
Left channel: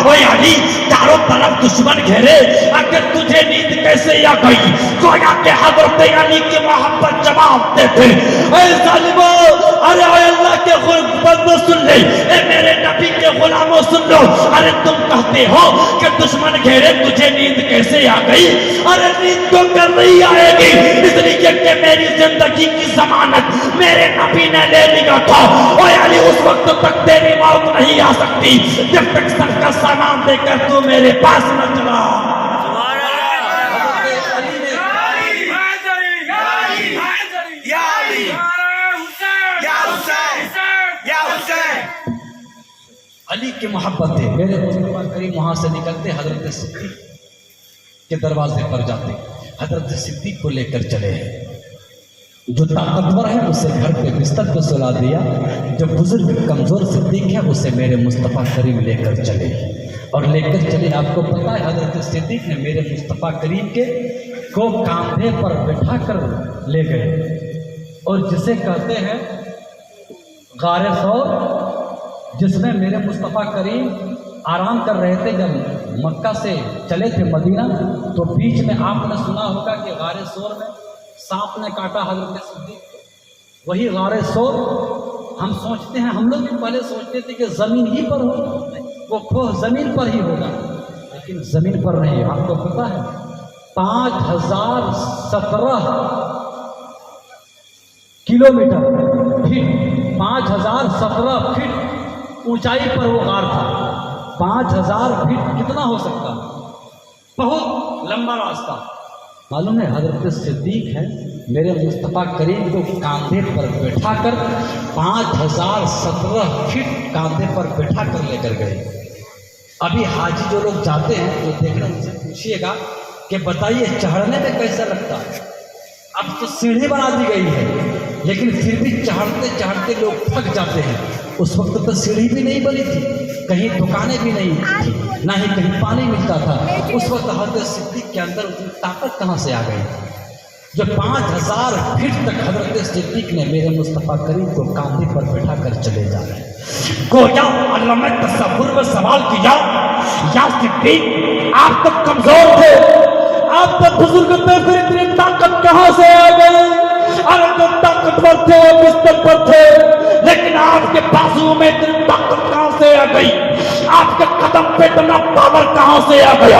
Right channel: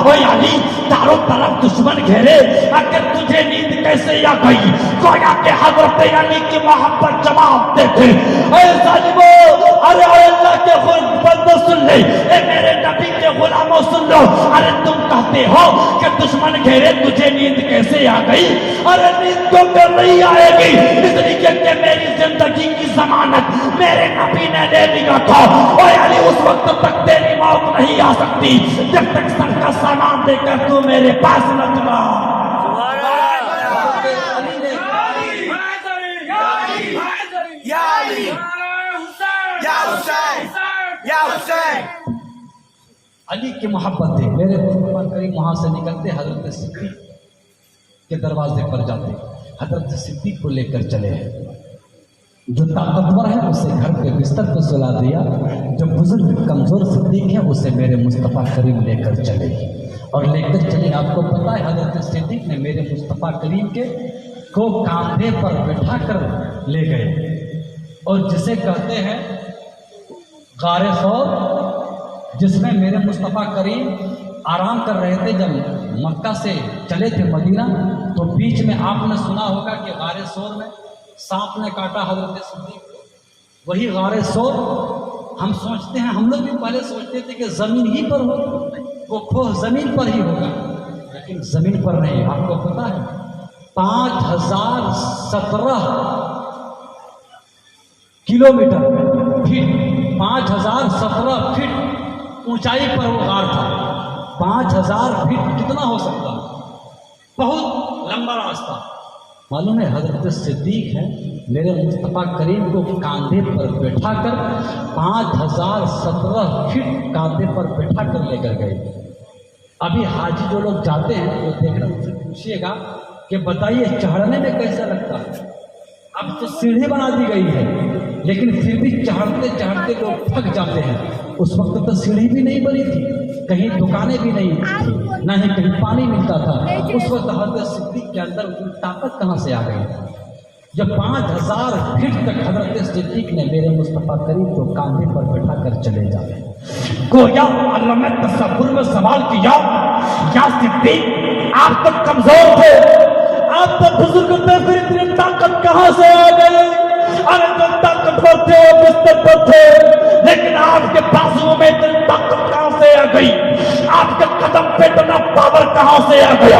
اوے علی چاروں طرف دشمن گھیرے اگر تجھے نیند کیسے آ گئی گویا کہ حضرت علی کی محبت جواب دیتے اے ظالمو ارے اے اللہ کے بندے سن لے اے میرے نبی کے غلاموں سن لو ارے تم کہتے ہو کہ دشمن گھیرے تجھے نیند کیسے آ گئی ارے نیند تو کر نہیں آئے گی اس لیے کہ میری زندگی کی ضمانت میرے نبی نے لے لیا تھا اے علی اس وقت تک تیری موت نہیں آ سکتی جب تک سب کا سامان دے کر تو میرے پاس نہ چلا علی کی محبت ہے میرے مصطفیٰ کریم وہاں سے نکلتے حضرت صدیق کے دروازے پر جاتے حضرت صدیق کو لے کر چلے ہیں جو طاقتور ہے اسے گھر پہ بستر پہ سلا دیا جو بزرگ کمزور صدیق ہے اسے میرے مصطفیٰ کریم لے کر چلے اور لے کر چلے آپ کو پتا ہے حضرت صدیق نے میرے مصطفیٰ کریم کے کو کاندھے پر بٹھا کر لے گئے اور جسے کہتے ہیں غار ثور جس میں میرے مصطفیٰ کریم آرام کر رہے تھے جب مکہ سے چلے تھے مدینہ تو بیچ میں آپ نے سنا ہوگا کہ غار ثور میں سانپ نے کاٹا حضرت صدیق کو وہی غار ثور ہم سوچتے ہیں ہم لوگ بھی پہلے سوچتے تھے کہ زمین ہی پر ہوگا وہ کھوہ زمین پر ہی ہوگا لیکن زمین پر نہیں آپ کو پتا ہے 5017 کلومیٹر فٹ 5017 فٹ اونچائی پر وہ غار تھا 5000 فٹ کتنا ہو سکتا بہت لمبا راستہ معلوم ہے حضرت صدیق ہے میرے مصطفیٰ کریم کو کاندھے پر بٹھا کر 5017 فٹ کاندھے پر بٹھا کر لے کر گئے ابھی حاجی جو لوگ جاتے ہیں وہ دیکھنا ان سے پوچھیے گا کہ بتائیے چڑھنے میں کیسا لگتا ہے اب تو سیڑھی بنا دی گئی ہے لیکن پھر بھی چڑھتے چڑھتے لوگ تھک جاتے ہیں اس وقت تو سیڑھی بھی نہیں بنی تھی کہیں دکانیں بھی نہیں تھی نہ ہی کہیں پانی ملتا تھا اس وقت حضرت صدیق کے اندر اتنی طاقت کہاں سے آ گئی جب 5000 فٹ تک حضرت صدیق نے میرے مصطفیٰ کریم کو کاندھے پر بٹھا کر چلے جا رہے گویا علامہ تصور میں سوال کیا یا صدیق آپ تو کمزور تھے آپ تو بزرگ تھے پھر اتنی طاقت کہاں سے آ گئی ارے جب طاقتور تھے بستر پر تھے لیکن آپ کے بازو میں اتنی طاقت کہاں سے آ گئی آپ کے قدم پہ اتنا پاور کہاں سے آ گیا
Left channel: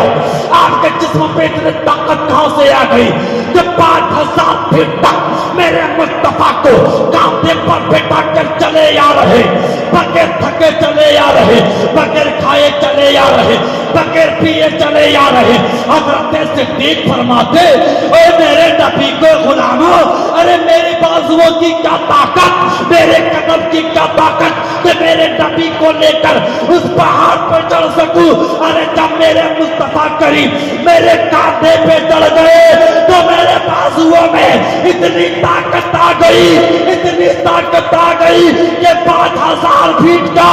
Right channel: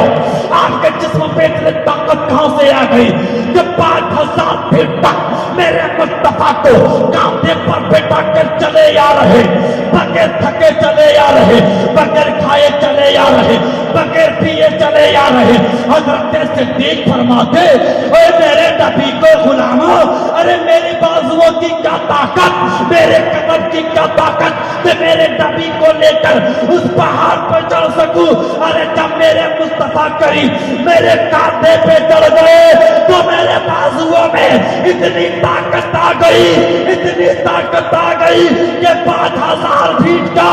آپ کے جسم پہ اتنی طاقت کہاں سے آ گئی جب 5000 فٹ تک میرے مصطفیٰ کو کاندھے پر بٹھا کر چلے آ رہے بغیر تھکے چلے آ رہے بغیر کھائے چلے آ رہے بغیر پیے چلے آ رہے حضرت صدیق فرماتے اے میرے نبی کو غلاموں ارے میری بازوؤں کی کیا طاقت میرے قدم کی کیا طاقت کہ میرے نبی کو لے کر اس پہاڑ پر چڑھ سکوں ارے جب میرے مصطفیٰ کریم میرے کاندھے پہ چڑھ گئے تو میرے بازوؤں میں اتنی طاقت آ گئی اتنی طاقت آ گئی کہ 5000 فٹ کا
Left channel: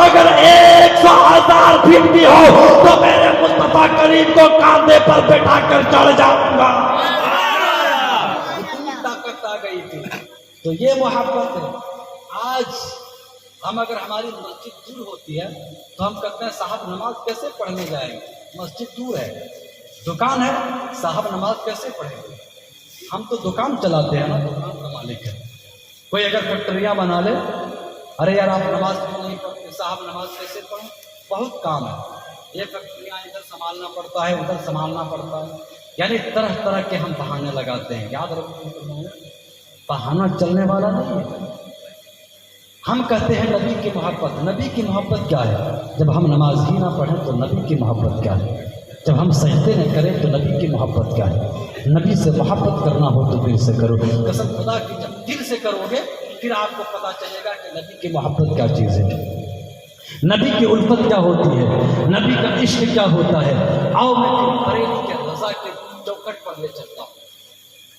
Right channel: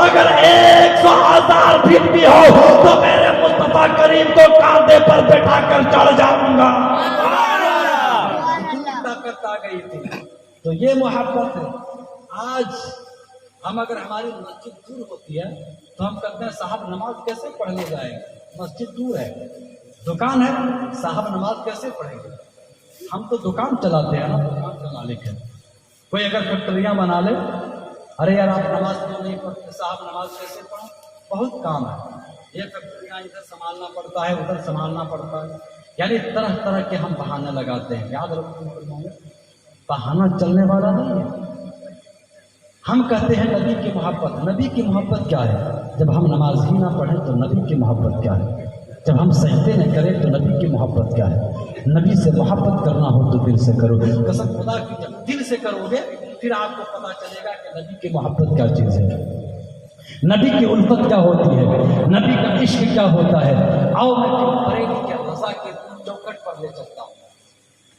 اگر 100,000 فٹ بھی ہو تو میرے مصطفیٰ کریم کو کاندھے پر بٹھا کر چڑھ جاؤں گا طاقت آ گئی تھی تو یہ محبت ہے آج ہم اگر ہماری مسجد دور ہوتی ہے تو ہم کہتے ہیں صاحب نماز کیسے پڑھنے جائیں گے مسجد دور ہے دکان ہے صاحب نماز کیسے پڑھیں گے ہم تو دکان چلاتے ہیں نا دکان کا مالک ہے کوئی اگر فیکٹریاں بنا لے ارے یار آپ نماز کیوں نہیں پڑھتے صاحب نماز کیسے پڑھیں بہت کام ہے یہ فیکٹریاں ادھر سنبھالنا پڑتا ہے ادھر سنبھالنا پڑتا ہے یعنی طرح طرح کے ہم بہانے لگاتے ہیں یاد رکھو بہانہ چلنے والا نہیں ہے ہم کہتے ہیں نبی کی محبت کیا ہے جب ہم نماز ہی نہ پڑھیں تو نبی کی محبت کیا ہے جب ہم سجدے نہ کریں تو نبی کی محبت کیا ہے نبی سے محبت کرنا ہو تو دل سے کرو قسم خدا کی جب دل سے کرو گے پھر آپ کو پتا چلے گا کہ نبی کی محبت کیا چیز ہے نبی کی الفت کیا ہوتی ہے نبی کا عشق کیا ہوتا ہے آؤ میں بریلی کے رضا کے چوکٹ پر لے چلتا ہوں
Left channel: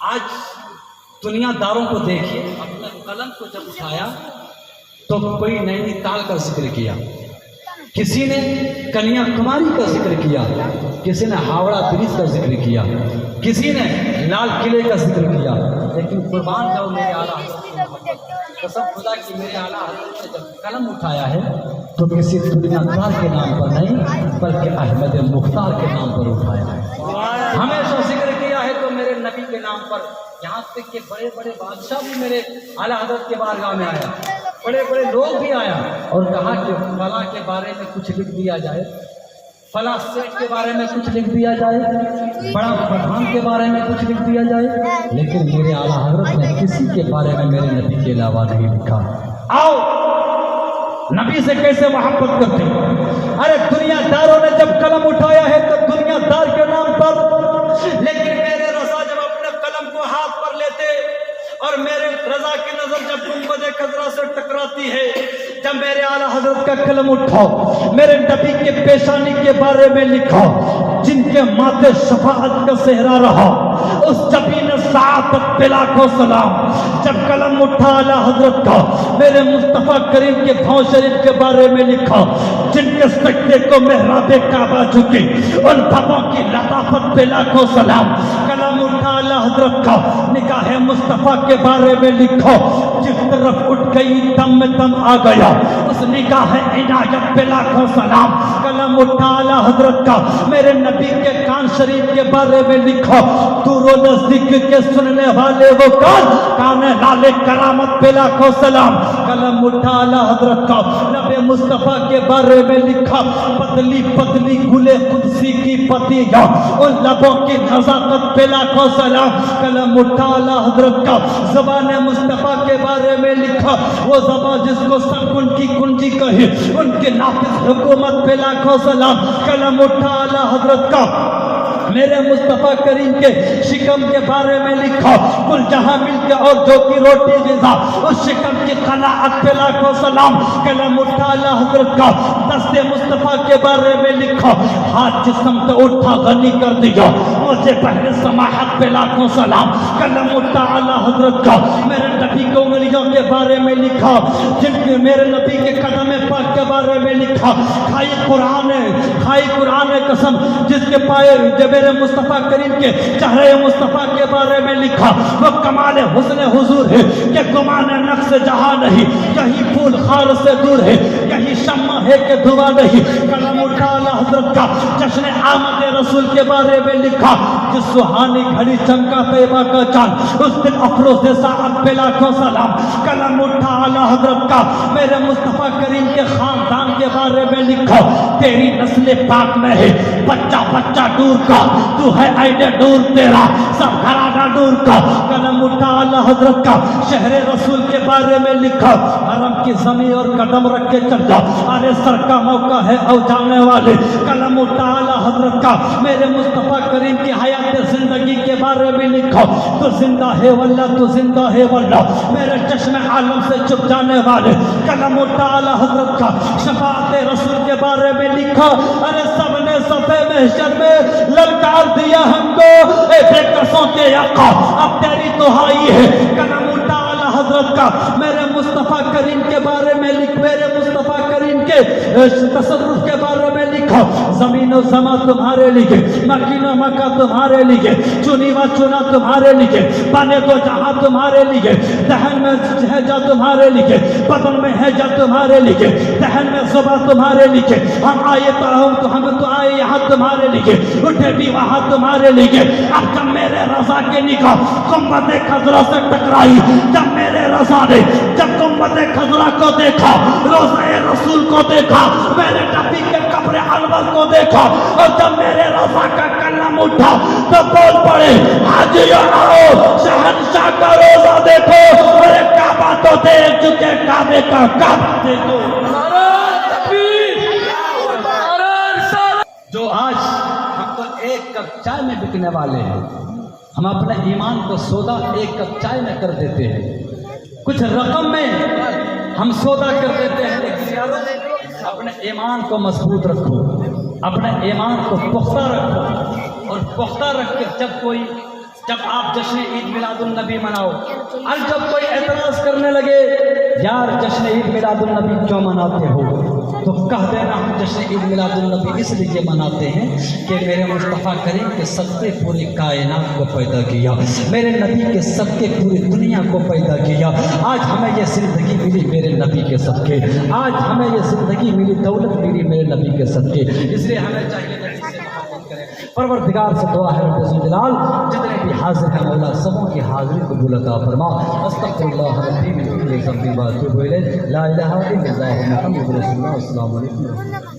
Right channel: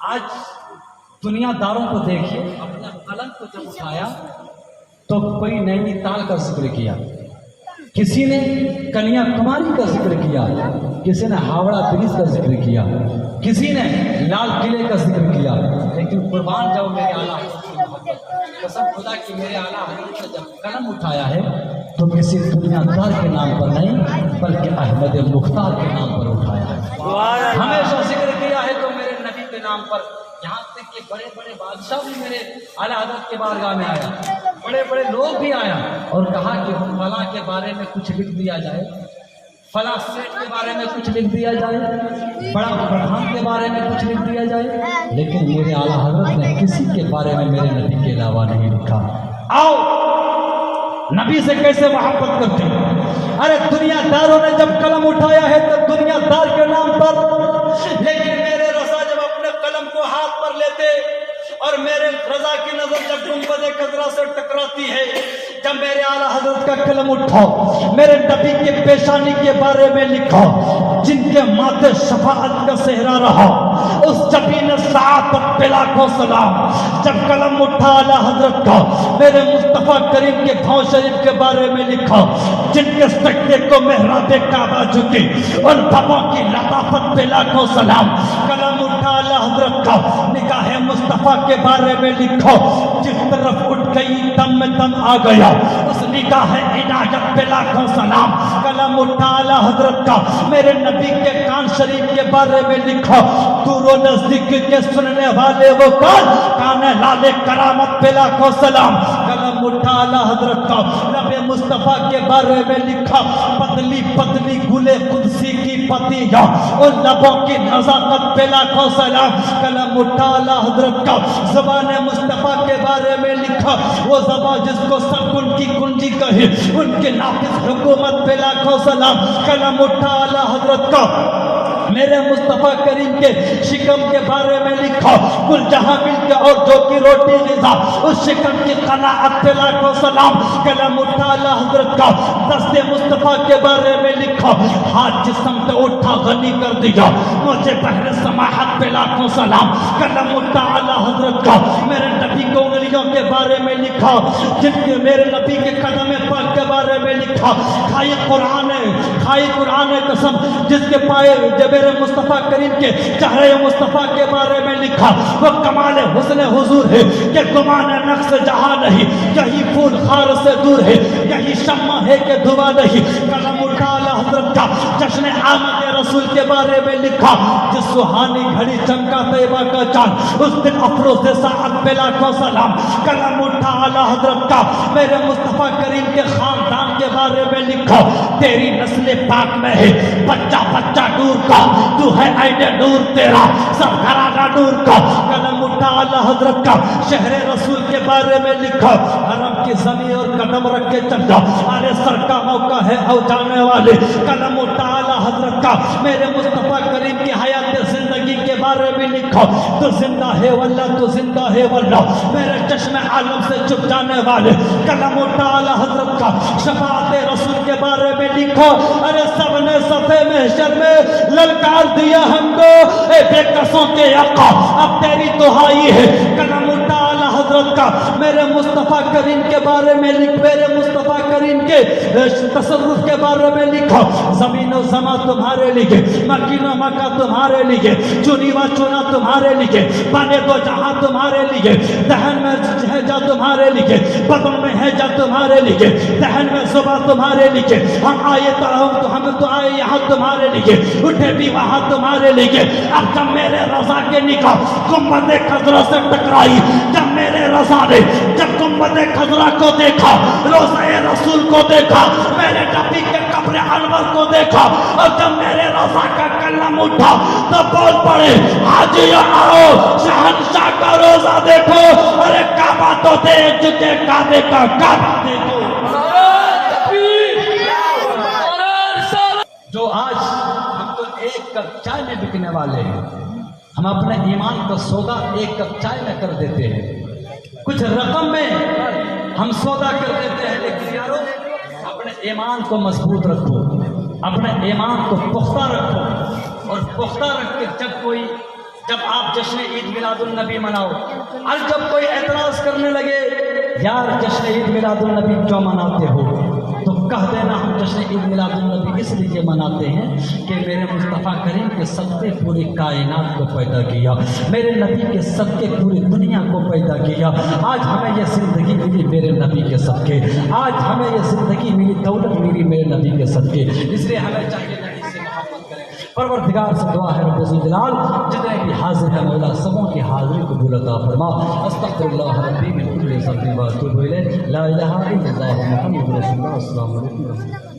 آج دنیا داروں کو دیکھیے اپنا قلم کو جب اٹھایا تو کوئی نینی تال کا ذکر کیا کسی نے کنیا کماری کا ذکر کیا کسی نے ہاوڑا برج کا ذکر کیا کسی نے لال قلعے کا ذکر کیا لیکن قربان جاؤ میرے اعلیٰ حضرت کی محبت قسم خدا کی میرے اعلیٰ حضرت نے جب قلم اٹھایا ہے تو کسی دنیا دار کے نام پر نہیں بلکہ احمد مختار کے نام پر اٹھایا ہے۔ ہمیشہ ذکر کیا ہے تو میرے نبی کے نام پر، یہاں تک کہ بڑے بڑے بادشاہ بھی میرے اعلیٰ حضرت کے بارگاہ میں آیا، بڑے بڑے لوگ بھی آیا اور کہا کہ فلاں کے بارے میں کچھ لکھ دیا جائے، فلاں سیٹ کے بارے میں کچھ لکھ دیا جائے، بڑا پٹھان کے بارے میں کچھ لکھ دیا جائے، لیکن میرے اعلیٰ حضرت نے کسی کے بارے میں میرے نبی کے علاوہ نہیں لکھا۔ آؤ نبی سے کیسے محبت کرتے ہیں؟ ارے دنیا داروں نے جب قلم اٹھایا ہے تو دنیا دار کے نام پر، لیکن میرے رضا جب اپنے قلم کو ہاتھ پر لیتے اور میرے رضا کی نظر جب گنبد خضرا سے ٹکراتی ہے، جب میرے اعلیٰ حضرت کا قلم اٹھاؤ، میرے نبی کے پیشانی کے بارے میں لکھا، جن کے ماتھے شفاعت کا صحرا رہا، اس جبین سعادت پہ لاکھوں سلام۔ جب قلم اٹھا اعلیٰ حضرت کا، میرے مصطفیٰ کریم کے پاؤں شریف کے بارے میں لکھا، جن کے سجدے کو محراب کعبہ جھکے، ان بھووں کی لطافت پہ لاکھوں سلام۔ قلم اٹھا اعلیٰ حضرت کا، نگاہ مصطفیٰ کے بارے میں لکھا، جس طرف اٹھ گئی دم میں دم آ گیا، اس نگاہ عنایت پہ لاکھوں سلام۔ قلم اٹھا اعلیٰ حضرت کا، میرے نبی کے کان شریف کے بارے میں لکھا، دور و نزدیک کے سننے والے وہ کان لال کرامت پہ لاکھوں سلام۔ قلم اٹھا اعلیٰ حضرت کا، لب مصطفیٰ کے بارے میں لکھا، پتلی پتلی گلے قدسی کی پتیاں، ان لبوں کی نزاکت پہ لاکھوں سلام۔ قلم اٹھا اعلیٰ حضرت کا، زبان مصطفیٰ کے بارے میں لکھا، وہ زبان جس کو سکون کی کنجی کہے، ان کے نافذ حکومت پہ لاکھوں سلام۔ قلم اٹھا اعلیٰ حضرت کا، میرے مصطفیٰ کریم کے شکم کے بارے میں لکھا، کل جہاں مل کے اور جو کی روٹی غذا، اس شکم کی قناعت پہ لاکھوں سلام۔ قلم اٹھا اعلیٰ حضرت کا، دست مصطفیٰ کے بارے میں لکھا، ہاتھ جسم پہ اٹھا غنی کر دیا، مجھے بہر سماحت پہ لاکھوں سلام۔ قلم اٹھا اعلیٰ حضرت کا، میرے نبی کو انگلیوں کے بارے میں لکھا، جن کے میرے نبی کے قدم پاک کے بارے میں لکھا، کھائی قرآن قسم، جس کے پائے جب میرے مصطفیٰ کریم کے چہرے مصطفیٰ کے بارے میں لکھا، وہ کمال حسن حضور ہے کہ گمان نقص جہاں نہیں، یہی پھول خار سے دور ہے، یہی شمع ہے کہ دھواں نہیں۔ قلم اٹھا اعلیٰ حضرت کا، جشن آمد رسول کے بارے میں لکھا، جس سہانی گھڑی چمکا طیبہ کا چاند، اس دن افروز ساعت پہ لاکھوں سلام۔ قلم اٹھا اعلیٰ حضرت کا، میرے مصطفیٰ کریم کے خاندان کے بارے میں لکھا، تیری نسل پاک میں ہے بچہ بچہ نور کا، تو ہے عین نور تیرا سب گھرانہ نور کا۔ قلم اٹھا اعلیٰ حضرت کا، شہر رسول کے بارے میں لکھا، حرم کی زمین اور قدم رکھ کے چل جا، ارے سر کا موقع ہے او جانے والے۔ قلم اٹھا اعلیٰ حضرت کا، میرے مصطفیٰ کریم کی حیات زندگی کے بارے میں لکھا، تو زندہ ہے واللہ تو زندہ ہے واللہ، میرے چشم عالم سے چھپ جانے والے۔ قلم اٹھا اعلیٰ حضرت کا، شفاعت رسول کے بارے میں لکھا، ارے سب نے صفے محشر میں للکار دیا ہم کو، اے بے کسوں کے آقا اب تیری دہائی ہے۔ قلم اٹھا اعلیٰ حضرت کا، میرے مصطفیٰ کریم کے بارے میں لکھ، میرے مصطفیٰ کریم کے تصرف کے بارے میں لکھا، زمین و زماں تمہارے لیے، مکین و مکہ تمہارے لیے، چنی و چنا تمہارے لیے، بنے تو جہاں تمہارے لیے، دہن میں ہے جا تمہارے لیے، بدن میں ہے جا تمہارے لیے، دہن میں صبح تمہارے لیے، ہم آئے تو ہم تو آئے یہاں تمہارے لیے، اٹھے بھی وہاں تمہارے لیے۔ اب جب میرے رضا کے نگاہ گنبد خضرا سے ٹکرائی، جب میرے رضا نے جب گنبد خضرا کو دیکھا، روضہ رسول کو دیکھا، میرے نبی کے قبر انور کو دیکھا، اور جب میرے رضا کا قلم اٹھا تو بول پڑے، حاجیوں آؤ شہنشاہ کا روضہ دیکھو، ارے کعبہ تو دیکھ چکے، کعبے کا کعبہ دیکھو۔ جو آج ہم کو ایک کپ چائے میں بکنے والے ہیں، ہم اپنے ایمان کا سودا ایک کپ چائے میں کر دیتے ہیں، کچھ رقم میں ہم سودا کر دیتے ہیں، لیکن یارو اپنے ایمان کو مضبوط رکھو، اپنے ایمان کو پختہ رکھو، اور پختہ رکھ کے جب آپ جشن عید میلاد النبی مناؤ، اور جب کوئی اعتراض کرنے لگے یار جشن عید میلاد النبی کیوں مناتے ہو، تو کہہ دینا ہم جشن عید میلاد النبی اس لیے مناتے ہیں کہ میرے مصطفیٰ کریم کے صدقے پوری کائنات کو پیدا کیا، میرے نبی کے صدقے پوری دنیا کو پیدا کیا۔ آج ہمیں یہ زندگی ملی میرے نبی کے صدقے، آج ہمیں یہ زندگی ملی، دولت ملی میرے نبی کے صدقے، اس لیے ہمیں چاہیے نبی سے محبت کریں۔ پروردگار سے دعا ہے رب ذوالجلال جتنے بھی حاضر ہیں مولا سبوں کی حاضری قبول عطا فرما۔ استغفر اللہ ربی من کل ذنب و اتوب الیہ، لا الہ الا اللہ محمد رسول اللہ۔ السلام علیکم۔